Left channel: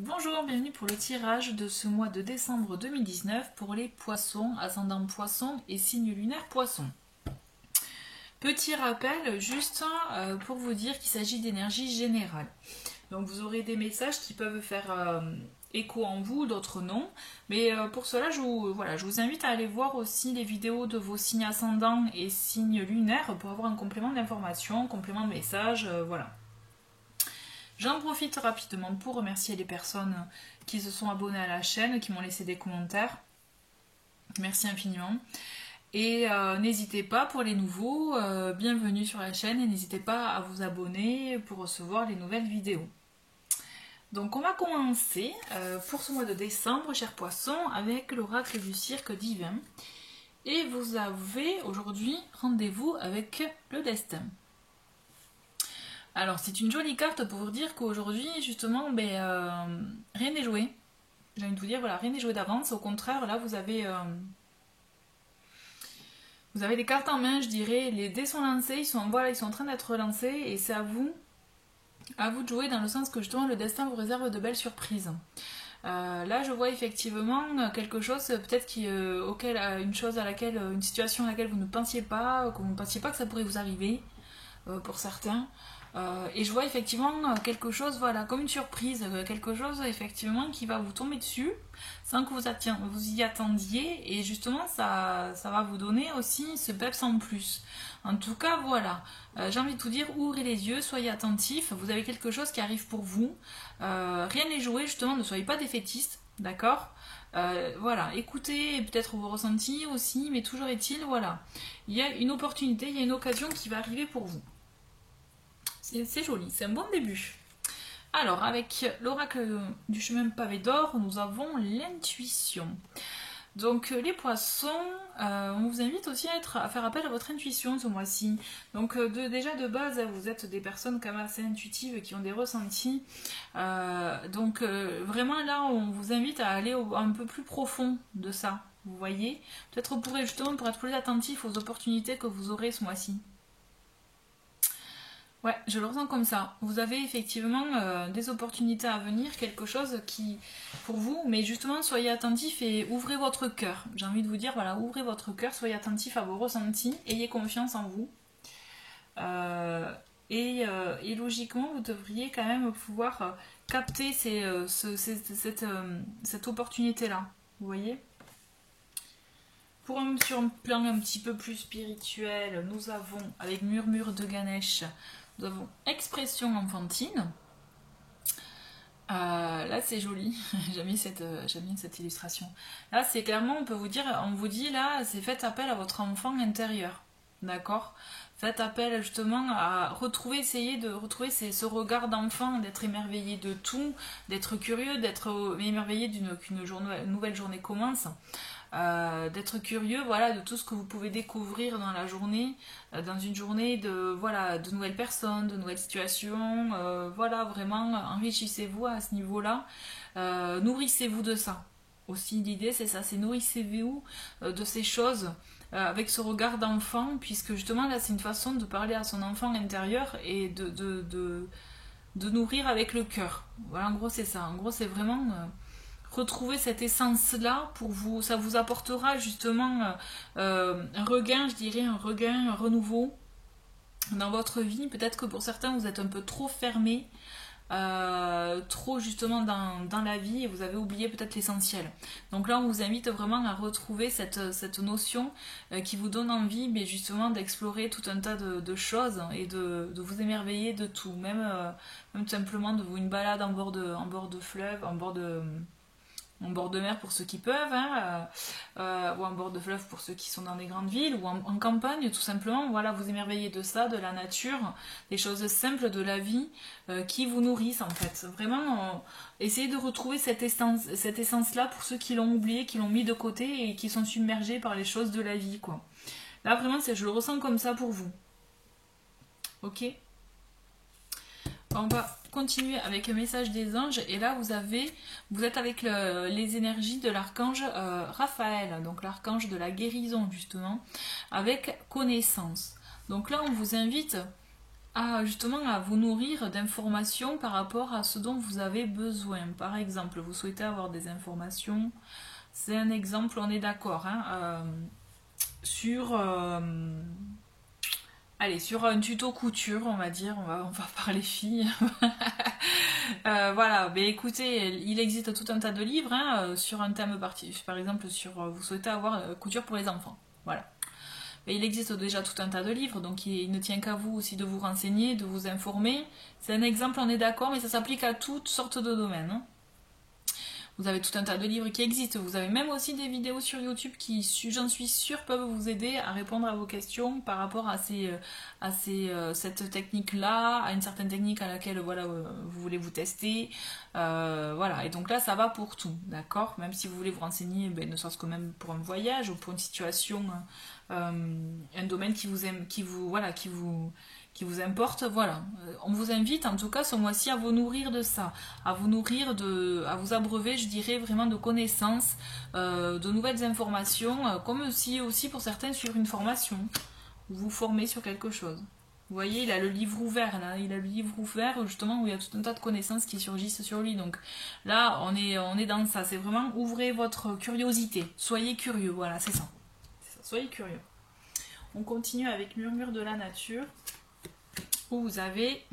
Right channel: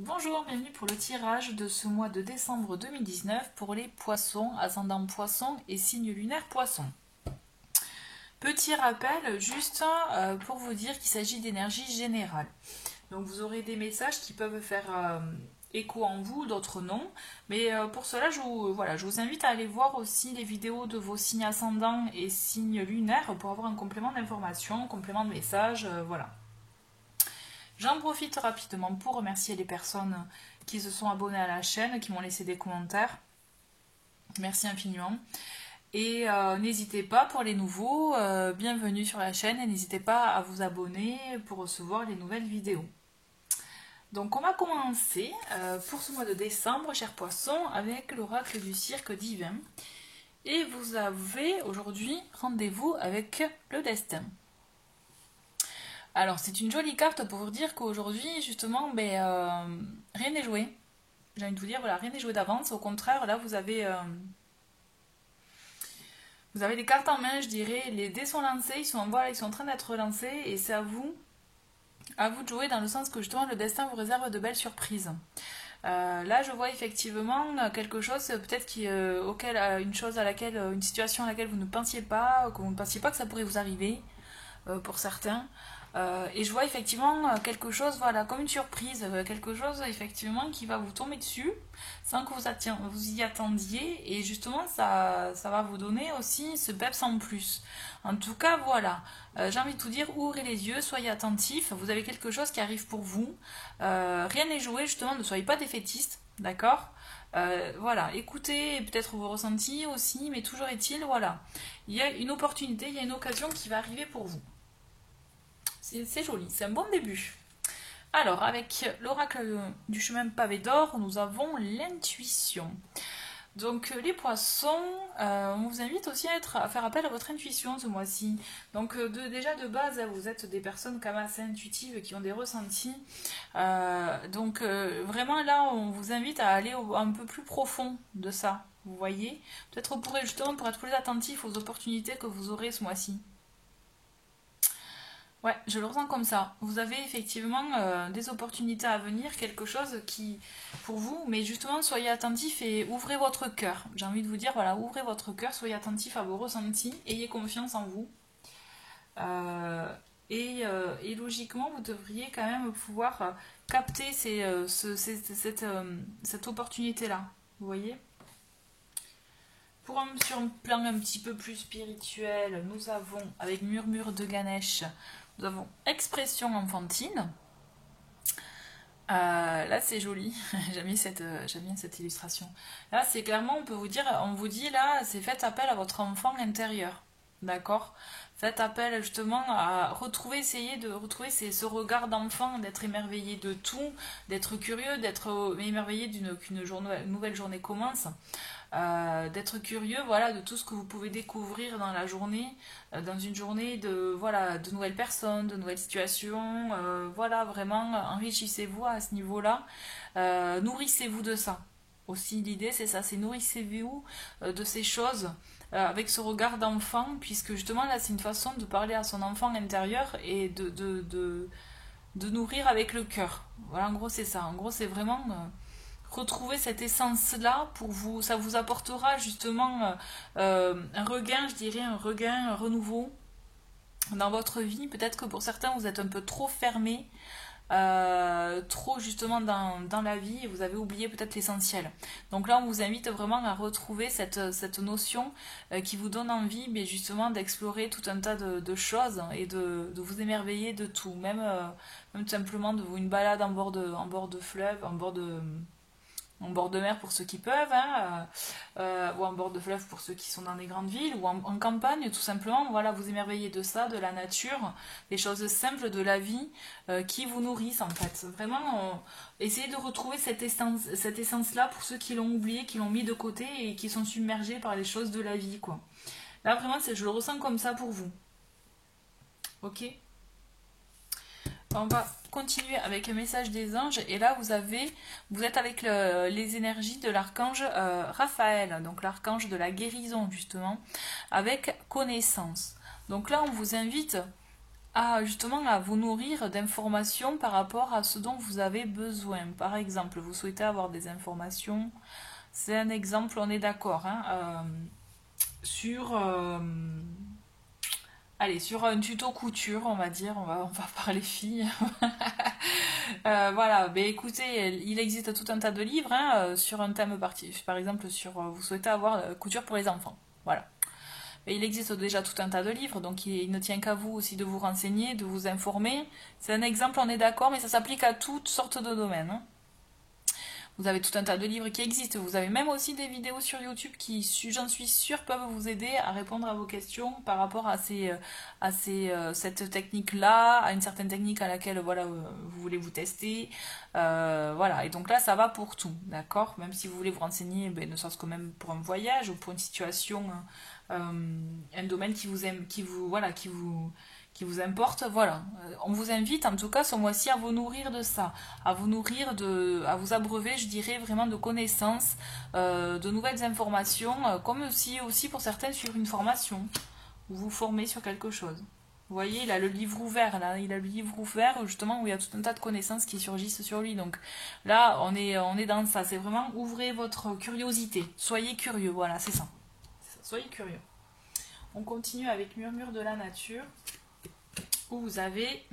Bonjour, bienvenue pour le tirage de ce mois de décembre 2019 pour les poissons, ascendant poisson et signe lunaire poisson. Petit rappel, juste pour vous dire qu'il s'agit d'énergie générale. Donc vous aurez des messages qui peuvent faire écho en vous, d'autres non. Mais pour cela, je vous invite à aller voir aussi les vidéos de vos signes ascendants et signes lunaires pour avoir un complément d'information, complément de message, voilà. J'en profite rapidement pour remercier les personnes qui se sont abonnées à la chaîne, qui m'ont laissé des commentaires. Merci infiniment. Et n'hésitez pas pour les nouveaux, bienvenue sur la chaîne et n'hésitez pas à vous abonner pour recevoir les nouvelles vidéos. Donc on va commencer pour ce mois de décembre, chers poissons, avec l'oracle du cirque divin. Et vous avez aujourd'hui rendez-vous avec le destin. Alors, c'est une jolie carte pour vous dire qu'aujourd'hui, justement, rien n'est joué. J'ai envie de vous dire, voilà, rien n'est joué d'avance. Au contraire, là, vous avez les cartes en main, je dirais. Les dés sont lancés, ils sont en train d'être lancés. Et c'est à vous de jouer dans le sens que, justement, le destin vous réserve de belles surprises. Là, je vois effectivement quelque chose, peut-être une situation à laquelle vous ne pensiez pas, que vous ne pensiez pas que ça pourrait vous arriver, pour certains. Et je vois effectivement quelque chose, voilà, comme une surprise, quelque chose effectivement qui va vous tomber dessus sans que vous y attendiez, et justement ça va vous donner aussi ce peps en plus. En tout cas, voilà, j'ai envie de vous dire, ouvrez les yeux, soyez attentifs, vous avez quelque chose qui arrive pour vous, rien n'est joué, justement, ne soyez pas défaitistes, d'accord? Voilà, écoutez peut-être vos ressentis aussi, mais toujours est-il, voilà, il y a une opportunité, il y a une occasion qui va arriver pour vous. C'est joli, c'est un bon début. Alors, avec l'oracle du chemin pavé d'or, nous avons l'intuition. Donc, les poissons, on vous invite aussi à faire appel à votre intuition ce mois-ci. Donc, déjà de base, vous êtes des personnes quand même assez intuitives qui ont des ressentis. Vraiment là, on vous invite à aller un peu plus profond de ça. Vous voyez, peut-être vous pourrez justement pour être plus attentif aux opportunités que vous aurez ce mois-ci. Ouais, je le ressens comme ça. Vous avez effectivement des opportunités à venir, quelque chose qui, pour vous, mais justement, soyez attentifs et ouvrez votre cœur. J'ai envie de vous dire, voilà, ouvrez votre cœur, soyez attentifs à vos ressentis, ayez confiance en vous. Et logiquement, vous devriez quand même pouvoir capter cette opportunité-là. Vous voyez ? Sur un plan un petit peu plus spirituel, nous avons, avec Murmure de Ganesh, nous avons expression enfantine. Là c'est joli, j'aime bien cette illustration. Là c'est clairement, on vous dit là, c'est faites appel à votre enfant intérieur. D'accord ? Faites appel justement à essayez de retrouver ce regard d'enfant, d'être émerveillé de tout, d'être curieux, d'être émerveillé qu'une nouvelle journée commence. D'être curieux, voilà, de tout ce que vous pouvez découvrir dans la journée, dans une journée de nouvelles personnes, de nouvelles situations, voilà, vraiment enrichissez-vous à ce niveau-là, nourrissez-vous de ça. Aussi l'idée c'est ça, c'est nourrissez-vous de ces choses avec ce regard d'enfant, puisque justement là c'est une façon de parler à son enfant intérieur et de nourrir avec le cœur. Voilà, en gros c'est ça, en gros c'est vraiment retrouver cette essence-là pour vous, ça vous apportera justement un regain, je dirais, un renouveau dans votre vie. Peut-être que pour certains, vous êtes un peu trop fermé, trop justement dans la vie et vous avez oublié peut-être l'essentiel. Donc là, on vous invite vraiment à retrouver cette notion qui vous donne envie, mais justement d'explorer tout un tas de choses et de vous émerveiller de tout, même simplement une balade en bord de fleuve, en bord de mer pour ceux qui peuvent, ou en bord de fleuve pour ceux qui sont dans des grandes villes, ou en campagne, tout simplement, voilà, vous émerveillez de ça, de la nature, des choses simples de la vie qui vous nourrissent en fait. Vraiment, essayez de retrouver cette essence-là pour ceux qui l'ont oublié, qui l'ont mis de côté et qui sont submergés par les choses de la vie, quoi. Là, vraiment, je le ressens comme ça pour vous. Ok ? On va continuer avec le message des anges, et là vous êtes avec les énergies de l'archange Raphaël, donc l'archange de la guérison justement, avec connaissance. Donc là on vous invite justement à vous nourrir d'informations par rapport à ce dont vous avez besoin. Par exemple, vous souhaitez avoir des informations, c'est un exemple, on est d'accord, hein, sur, allez, sur un tuto couture, on va dire, on va parler filles. Voilà, ben écoutez, il existe tout un tas de livres hein, sur un thème particulier, par exemple, sur vous souhaitez avoir couture pour les enfants. Voilà. Et il existe déjà tout un tas de livres, donc il ne tient qu'à vous aussi de vous renseigner, de vous informer. C'est un exemple, on est d'accord, mais ça s'applique à toutes sortes de domaines. Hein. Vous avez tout un tas de livres qui existent. Vous avez même aussi des vidéos sur YouTube qui, j'en suis sûre, peuvent vous aider à répondre à vos questions par rapport à cette technique-là, à une certaine technique à laquelle voilà, vous voulez vous tester. Voilà, et donc là, ça va pour tout, d'accord? Même si vous voulez vous renseigner, ben, ne serait-ce que même pour un voyage ou pour une situation, un domaine qui vous importe, voilà. On vous invite en tout cas ce mois-ci à vous nourrir de ça, à vous abreuver, je dirais, vraiment de connaissances, de nouvelles informations, comme aussi pour certains suivre une formation, ou vous former sur quelque chose. Vous voyez, il a le livre ouvert, là, il a le livre ouvert justement où il y a tout un tas de connaissances qui surgissent sur lui. Donc là, on est dans ça, c'est vraiment ouvrez votre curiosité, soyez curieux, voilà, c'est ça. Soyez curieux. On continue avec Murmure de la nature. Où vous avez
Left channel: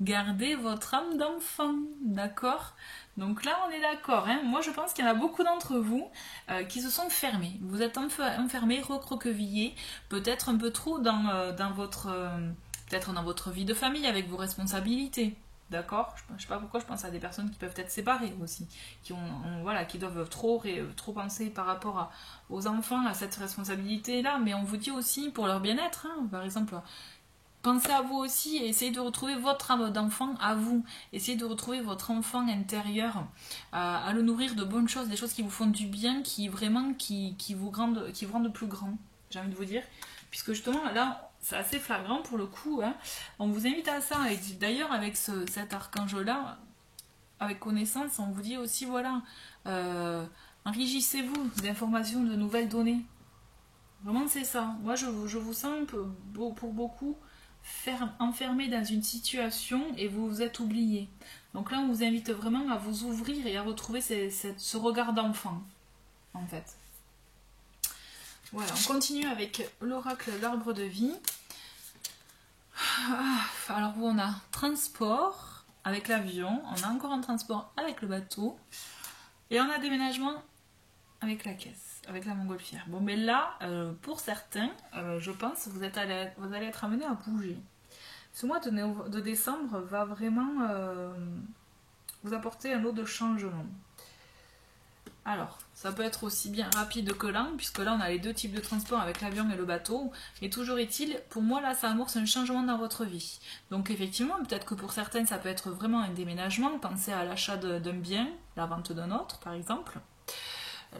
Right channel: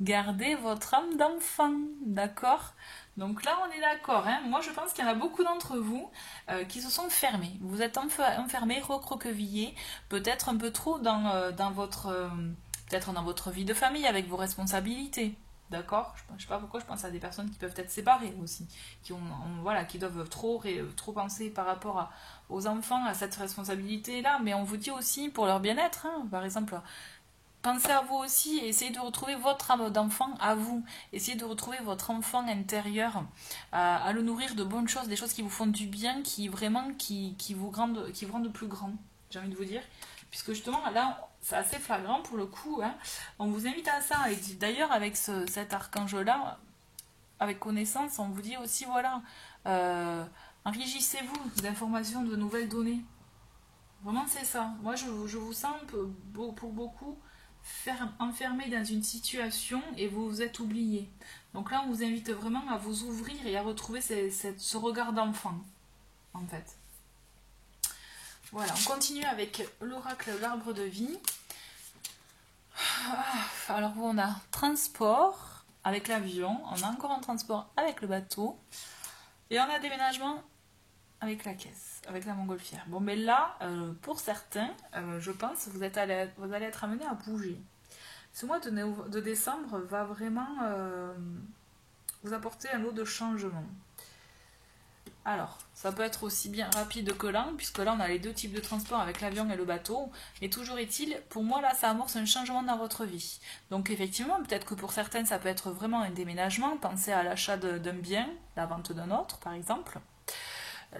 gardez votre âme d'enfant, d'accord? Donc là on est d'accord, hein. Moi je pense qu'il y en a beaucoup d'entre vous qui se sont fermés. Vous êtes enfermés, recroquevillés, peut-être un peu trop dans votre vie de famille avec vos responsabilités. D'accord? Je ne sais pas pourquoi je pense à des personnes qui peuvent être séparées aussi, qui doivent trop penser par rapport aux enfants, à cette responsabilité-là, mais on vous dit aussi pour leur bien-être, hein, par exemple, pensez à vous aussi et essayez de retrouver votre âme d'enfant à vous, essayez de retrouver votre enfant intérieur, à le nourrir de bonnes choses, des choses qui vous font du bien, qui vous rendent plus grand, j'ai envie de vous dire, puisque justement là, c'est assez flagrant pour le coup, hein. On vous invite à ça, et d'ailleurs avec cet archange-là, avec connaissance, on vous dit aussi, voilà, enrichissez-vous d'informations, de nouvelles données. Vraiment c'est ça. Moi je vous sens pour beaucoup enfermé dans une situation et vous vous êtes oublié. Donc là on vous invite vraiment à vous ouvrir et à retrouver ce regard d'enfant, en fait. Voilà, on continue avec l'oracle d'arbre de vie. Alors on a transport avec l'avion, on a encore un transport avec le bateau et on a déménagement avec la caisse, avec la montgolfière. Bon, mais là, pour certains, je pense que vous allez être amenés à bouger. Ce mois de décembre va vraiment vous apporter un lot de changement. Alors, ça peut être aussi bien rapide que lent, puisque là on a les deux types de transport avec l'avion et le bateau, mais toujours est-il, pour moi là ça amorce un changement dans votre vie. Donc effectivement, peut-être que pour certaines ça peut être vraiment un déménagement, pensez à l'achat d'un bien, la vente d'un autre par exemple,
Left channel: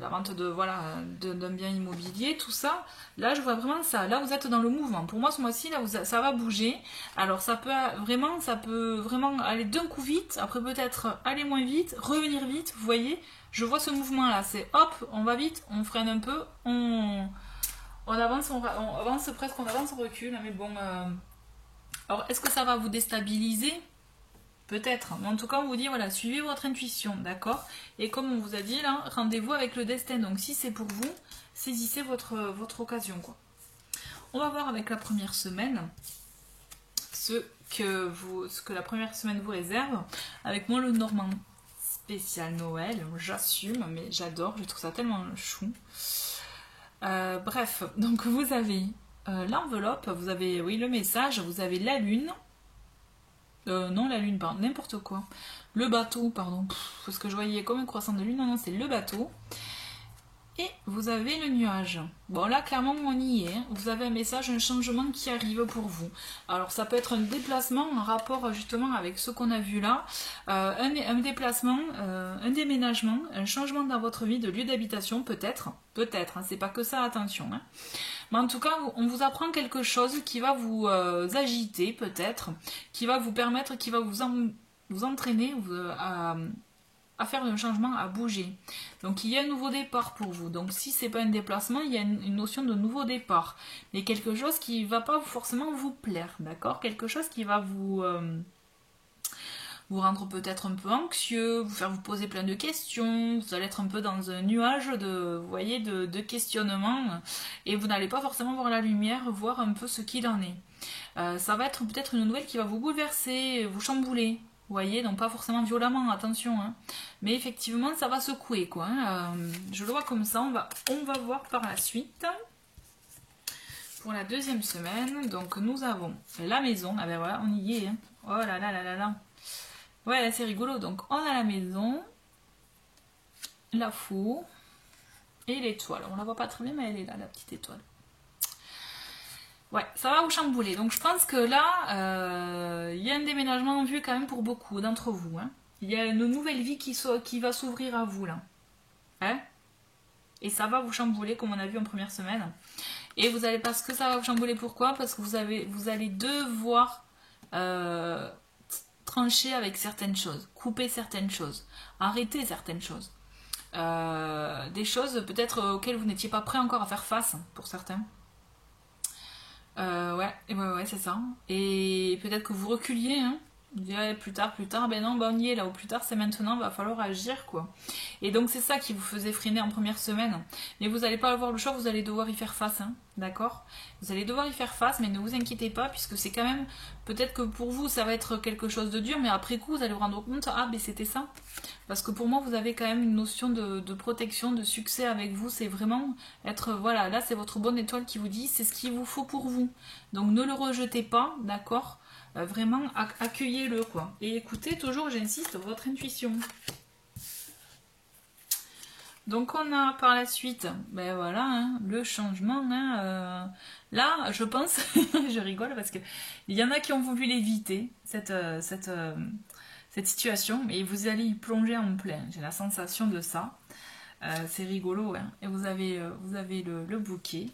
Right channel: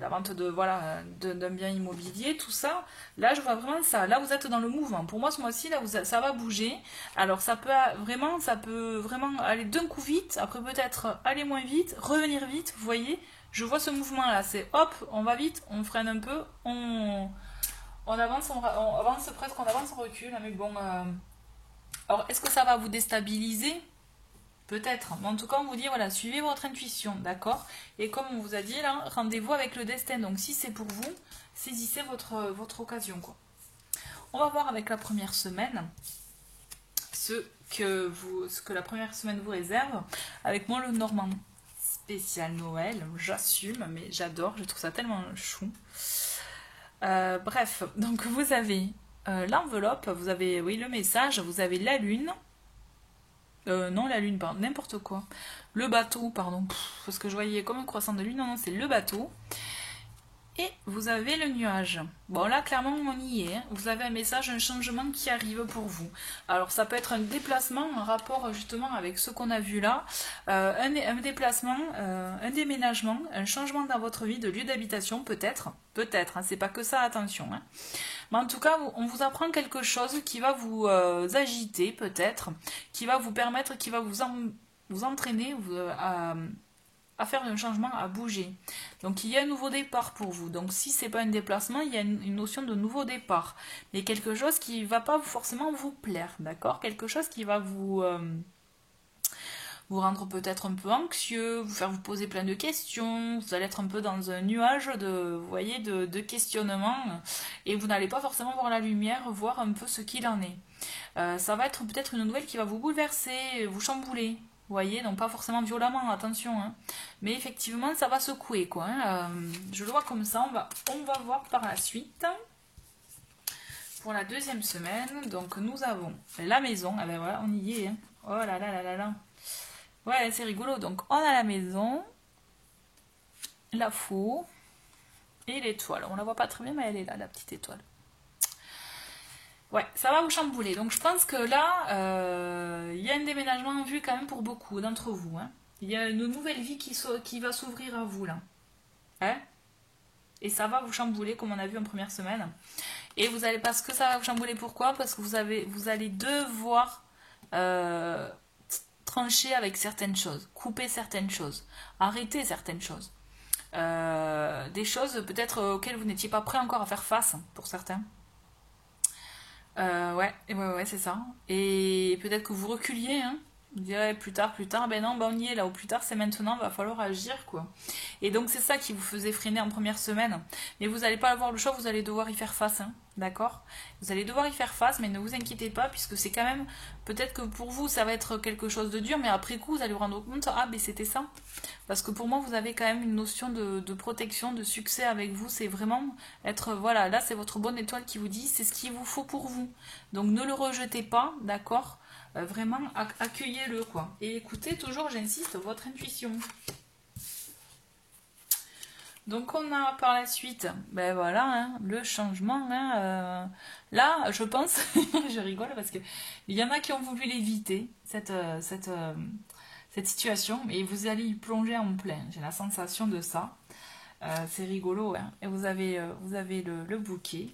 la vente d'un bien immobilier, tout ça. Là je vois vraiment ça, là vous êtes dans le mouvement. Pour moi ce mois-ci là ça va bouger, alors ça peut vraiment aller d'un coup vite, après peut-être aller moins vite, revenir vite, vous voyez. Je vois ce mouvement là, c'est hop, on va vite, on freine un peu, on avance, on avance presque, on avance, on recule, mais bon. Alors, est-ce que ça va vous déstabiliser? Peut-être, mais en tout cas, on vous dit, voilà, suivez votre intuition, d'accord? Et comme on vous a dit là, rendez-vous avec le destin, donc si c'est pour vous, saisissez votre occasion, quoi. On va voir avec la première semaine ce que la première semaine vous réserve. Avec moi, le Normand spécial Noël, j'assume, mais j'adore, je trouve ça tellement chou. Bref, donc vous avez l'enveloppe, vous avez le message, vous avez la lune, non la lune, pardon, n'importe quoi, le bateau, pardon, parce que je voyais comme un croissant de lune, non, c'est le bateau, et vous avez le nuage. Bon là clairement on y est, hein. Vous avez un message, un changement qui arrive pour vous. Alors ça peut être un déplacement en rapport justement avec ce qu'on a vu là, un déplacement, un déménagement, un changement dans votre vie de lieu d'habitation peut-être, hein, c'est pas que ça, attention. Hein. Mais en tout cas on vous apprend quelque chose qui va vous agiter peut-être, qui va vous permettre, qui va vous entraîner à faire un changement, à bouger. Donc il y a un nouveau départ pour vous. Donc si c'est pas un déplacement, il y a une notion de nouveau départ. Mais quelque chose qui va pas forcément vous plaire, d'accord? Quelque chose qui va vous rendre peut-être un peu anxieux, vous faire vous poser plein de questions, vous allez être un peu dans un nuage de, vous voyez, de questionnement, et vous n'allez pas forcément voir la lumière, voir un peu ce qu'il en est. Ça va être peut-être une nouvelle qui va vous bouleverser, vous chambouler. Vous voyez, donc pas forcément violemment, attention, hein. Mais effectivement, ça va secouer, quoi. Hein. Je le vois comme ça, on va voir par la suite. Pour la deuxième semaine, donc nous avons la maison, ah ben voilà, on y est, hein. Oh là là là là là. Ouais, c'est rigolo, donc on a la maison, la four et l'étoile. On la voit pas très bien, mais elle est là, la petite étoile. Ouais, ça va vous chambouler. Donc je pense que là, il y a un déménagement en vue quand même pour beaucoup d'entre vous. Hein. Il y a une nouvelle vie qui va s'ouvrir à vous là. Hein, et ça va vous chambouler comme on a vu en première semaine. Et vous allez, parce que ça va vous chambouler, pourquoi? Parce que vous allez devoir trancher avec certaines choses, couper certaines choses, arrêter certaines choses. Des choses peut-être auxquelles vous n'étiez pas prêt encore à faire face pour certains. Ouais, c'est ça. Et peut-être que vous reculiez, hein. Vous direz plus tard, ben non, ben on y est là, ou plus tard c'est maintenant, va falloir agir, quoi. Et donc c'est ça qui vous faisait freiner en première semaine. Mais vous n'allez pas avoir le choix, vous allez devoir y faire face, hein, d'accord? Vous allez devoir y faire face, mais ne vous inquiétez pas, puisque c'est quand même, peut-être que pour vous ça va être quelque chose de dur, mais après coup vous allez vous rendre compte, ah ben c'était ça. Parce que pour moi vous avez quand même une notion de protection, de succès avec vous, c'est vraiment être, voilà, là c'est votre bonne étoile qui vous dit, c'est ce qu'il vous faut pour vous. Donc ne le rejetez pas, d'accord? Vraiment accueillez-le, quoi. Et écoutez toujours, j'insiste, votre intuition. Donc on a par la suite, ben voilà, hein, le changement. Hein, là, je pense, je rigole parce que il y en a qui ont voulu l'éviter, cette situation, et vous allez y plonger en plein. J'ai la sensation de ça. C'est rigolo, hein. Et vous avez le bouquet.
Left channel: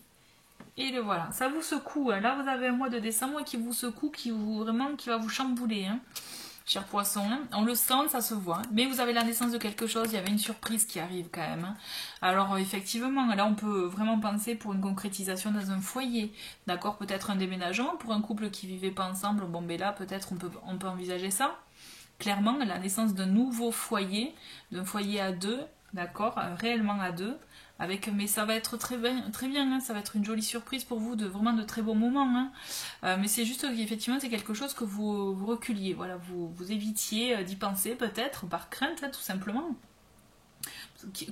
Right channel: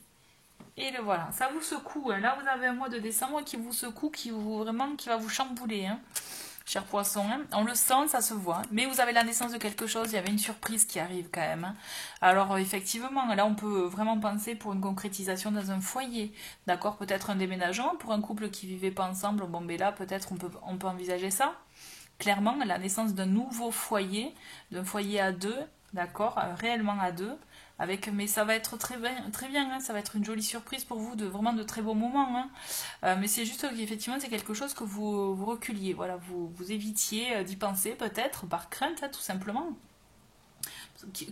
Et le voilà, ça vous secoue. Hein. Là, vous avez un mois de décembre qui vous secoue, qui va vous chambouler, hein, cher poisson. Hein. On le sent, ça se voit. Mais vous avez la naissance de quelque chose, il y avait une surprise qui arrive quand même. Hein. Alors, effectivement, là, on peut vraiment penser pour une concrétisation dans un foyer. D'accord, peut-être un déménagement pour un couple qui ne vivait pas ensemble. Bon, mais là, peut-être on peut envisager ça. Clairement, la naissance d'un nouveau foyer, d'un foyer à deux, d'accord, réellement à deux. Mais ça va être très bien, hein, ça va être une jolie surprise pour vous, vraiment de très beaux moments. Hein. Mais c'est juste qu'effectivement, c'est quelque chose que vous reculiez, voilà, vous évitiez d'y penser peut-être, par crainte, hein, tout simplement.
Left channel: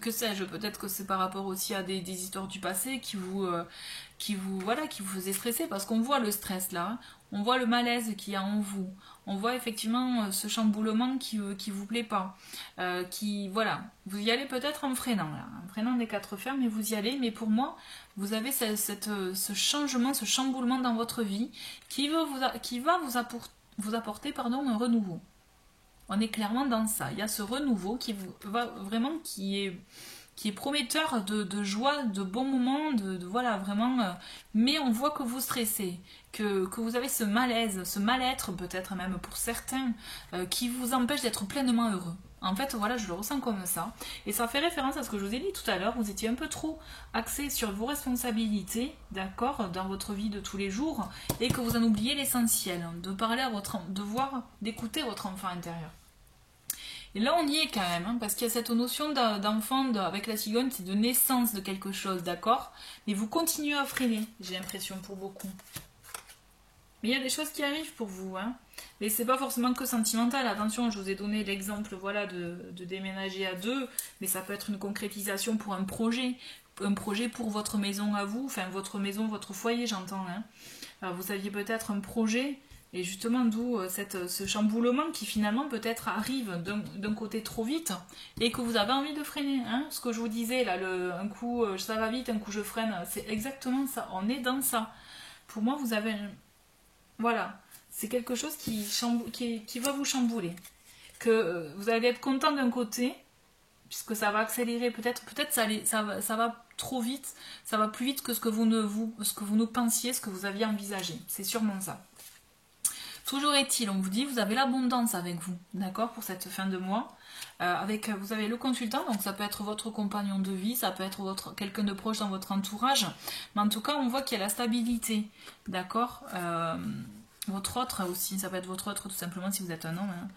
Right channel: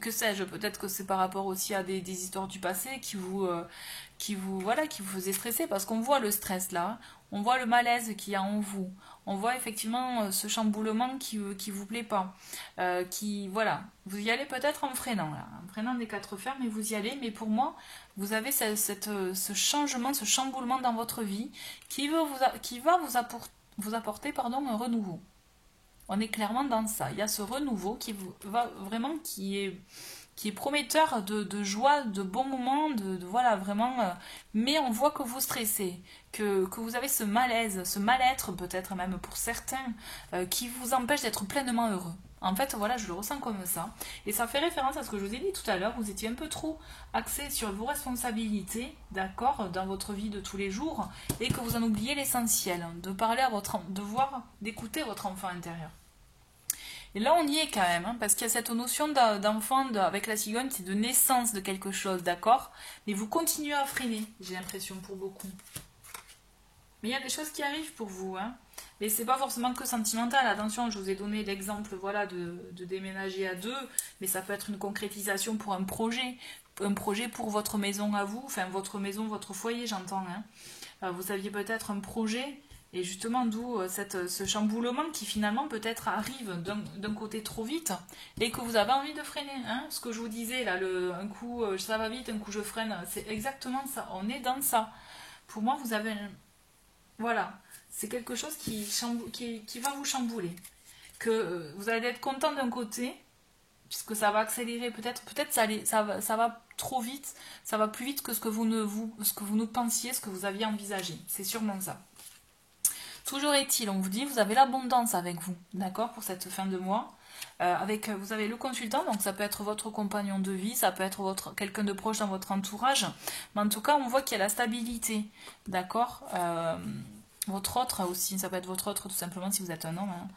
Que sais-je, peut-être que c'est par rapport aussi à des histoires du passé qui vous faisaient stresser, parce qu'on voit le stress là, on voit le malaise qu'il y a en vous. On voit effectivement ce chamboulement qui vous plaît pas. Voilà, vous y allez peut-être en freinant, là. En freinant des quatre fers, mais vous y allez. Mais pour moi, vous avez ce changement, ce chamboulement dans votre vie qui va vous apporter un renouveau. On est clairement dans ça. Il y a ce renouveau qui est prometteur de joie, de bons moments, voilà, vraiment. Mais on voit que vous stressez, que vous avez ce malaise, ce mal-être peut-être même pour certains, qui vous empêche d'être pleinement heureux. En fait, voilà, je le ressens comme ça. Et ça fait référence à ce que je vous ai dit tout à l'heure, vous étiez un peu trop axé sur vos responsabilités, d'accord, dans votre vie de tous les jours, et que vous en oubliez l'essentiel, de parler d'écouter votre enfant intérieur. Et là, on y est quand même, hein, parce qu'il y a cette notion d'enfant avec la cigogne, c'est de naissance de quelque chose, d'accord? Mais vous continuez à freiner, j'ai l'impression, pour beaucoup. Mais il y a des choses qui arrivent pour vous, hein. Mais c'est pas forcément que sentimental. Attention, je vous ai donné l'exemple, voilà, de déménager à deux, mais ça peut être une concrétisation pour un projet pour votre maison à vous, enfin votre maison, votre foyer, j'entends. Hein. Vous aviez peut-être un projet. Et justement, d'où ce chamboulement qui finalement peut-être arrive d'un côté trop vite et que vous avez envie de freiner. Hein. Ce que je vous disais, là, un coup ça va vite, un coup je freine, c'est exactement ça. On est dans ça. Pour moi, vous avez... Voilà, c'est quelque chose qui va vous chambouler. Que vous allez être content d'un côté, puisque ça va accélérer, peut-être ça va trop vite, ça va plus vite que ce que vous ne pensiez, ce que vous aviez envisagé. C'est sûrement ça. Toujours est-il, on vous dit, vous avez l'abondance avec vous, d'accord, pour cette fin de mois. Vous avez le consultant, donc ça peut être votre compagnon de vie, ça peut être quelqu'un de proche dans votre entourage, mais en tout cas, on voit qu'il y a la stabilité, d'accord. Votre autre aussi, ça peut être votre autre tout simplement si vous êtes un homme, hein.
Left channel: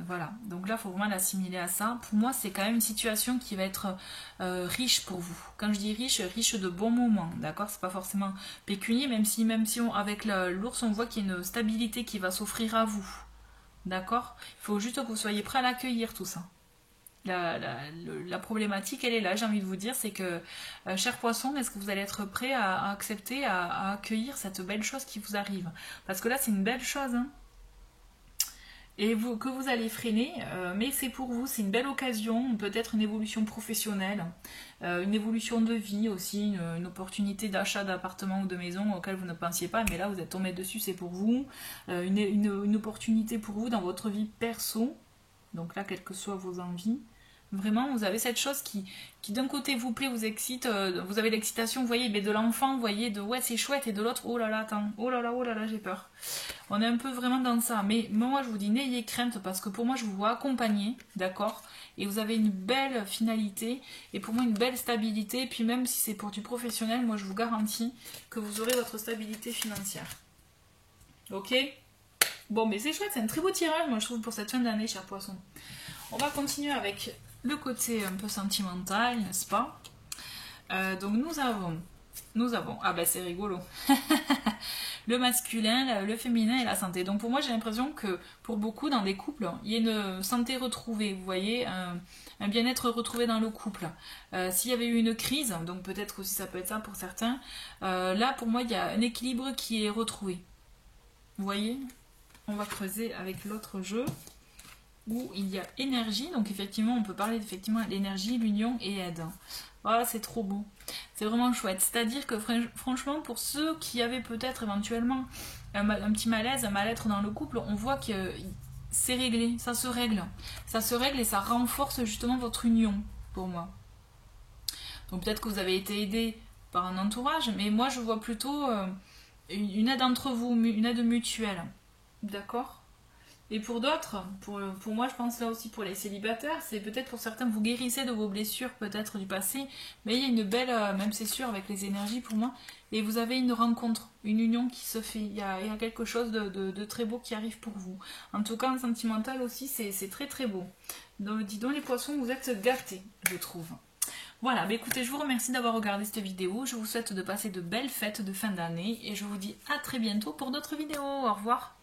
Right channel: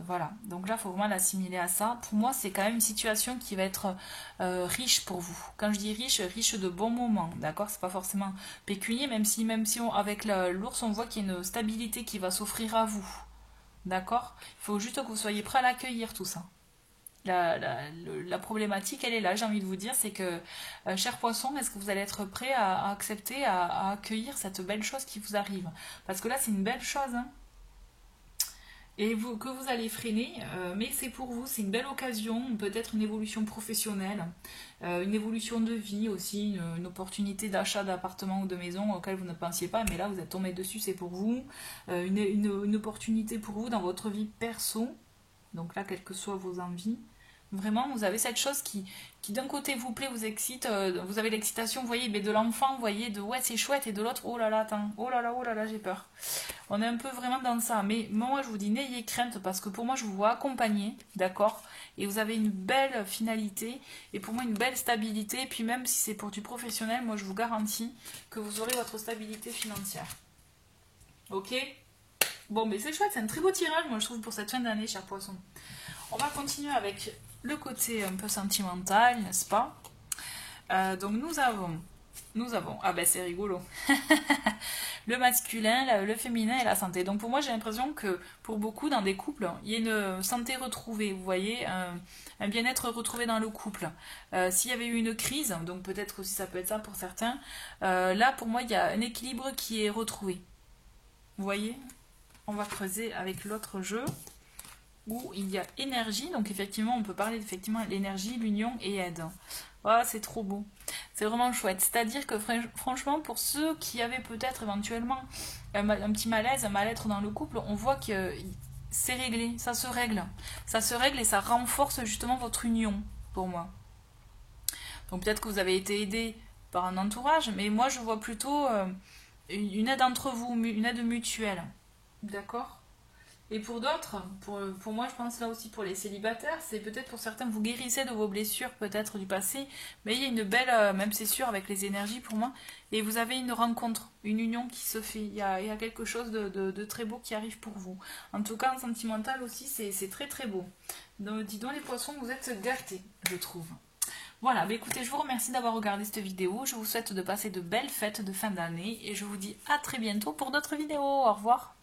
Voilà, donc là, il faut vraiment l'assimiler à ça. Pour moi, c'est quand même une situation qui va être riche pour vous. Quand je dis riche, riche de bons moments, d'accord. C'est pas forcément pécunier, même si avec l'ours, on voit qu'il y a une stabilité qui va s'offrir à vous, d'accord. Il faut juste que vous soyez prêt à l'accueillir, tout ça. La problématique, elle est là, j'ai envie de vous dire, c'est que, cher poisson, est-ce que vous allez être prêt à accepter, à accueillir cette belle chose qui vous arrive? Parce que là, c'est une belle chose, hein. Et que vous allez freiner, mais c'est pour vous, c'est une belle occasion, peut-être une évolution professionnelle, une évolution de vie aussi, une opportunité d'achat d'appartement ou de maison auquel vous ne pensiez pas, mais là vous êtes tombé dessus, c'est pour vous, une opportunité pour vous dans votre vie perso, donc là, quelles que soient vos envies. Vraiment, vous avez cette chose qui d'un côté vous plaît, vous excite, vous avez l'excitation, vous voyez, mais de l'enfant, vous voyez, de ouais, c'est chouette, et de l'autre, oh là là, attends, oh là là, j'ai peur. On est un peu vraiment dans ça, mais moi je vous dis, n'ayez crainte, parce que pour moi je vous vois accompagner, d'accord, et vous avez une belle finalité, et pour moi une belle stabilité, et puis même si c'est pour du professionnel, moi je vous garantis que vous aurez votre stabilité financière. Ok? Bon, mais c'est chouette, c'est un très beau tirage, moi je trouve, pour cette fin d'année, cher poisson. On va continuer avec le côté un peu sentimental, n'est-ce pas? Donc nous avons, ah ben c'est rigolo, le masculin, le féminin et la santé. Donc pour moi j'ai l'impression que pour beaucoup dans des couples, il y a une santé retrouvée, vous voyez, un bien-être retrouvé dans le couple. S'il y avait eu une crise, donc peut-être aussi ça peut être ça pour certains, là pour moi il y a un équilibre qui est retrouvé. Vous voyez? On va creuser avec l'autre jeu où il y a énergie, donc effectivement on peut parler effectivement d'énergie, l'union et aide. Voilà, c'est trop beau, c'est vraiment chouette. C'est-à-dire que franchement pour ceux qui avaient peut-être éventuellement un petit malaise, un mal-être dans le couple, on voit que c'est réglé, ça se règle et ça renforce justement votre union pour moi. Donc peut-être que vous avez été aidé par un entourage, mais moi je vois plutôt une aide entre vous, une aide mutuelle, d'accord. Et pour d'autres, pour moi je pense là aussi pour les célibataires, c'est peut-être pour certains vous guérissez de vos blessures peut-être du passé, mais il y a une belle, même c'est sûr avec les énergies pour moi, et vous avez une rencontre, une union qui se fait, il y a quelque chose de très beau qui arrive pour vous. En tout cas en sentimental aussi c'est très très beau. Donc dis donc les poissons, vous êtes gâtés je trouve. Voilà, bah écoutez, je vous remercie d'avoir regardé cette vidéo, je vous souhaite de passer de belles fêtes de fin d'année, et je vous dis à très bientôt pour d'autres vidéos, au revoir.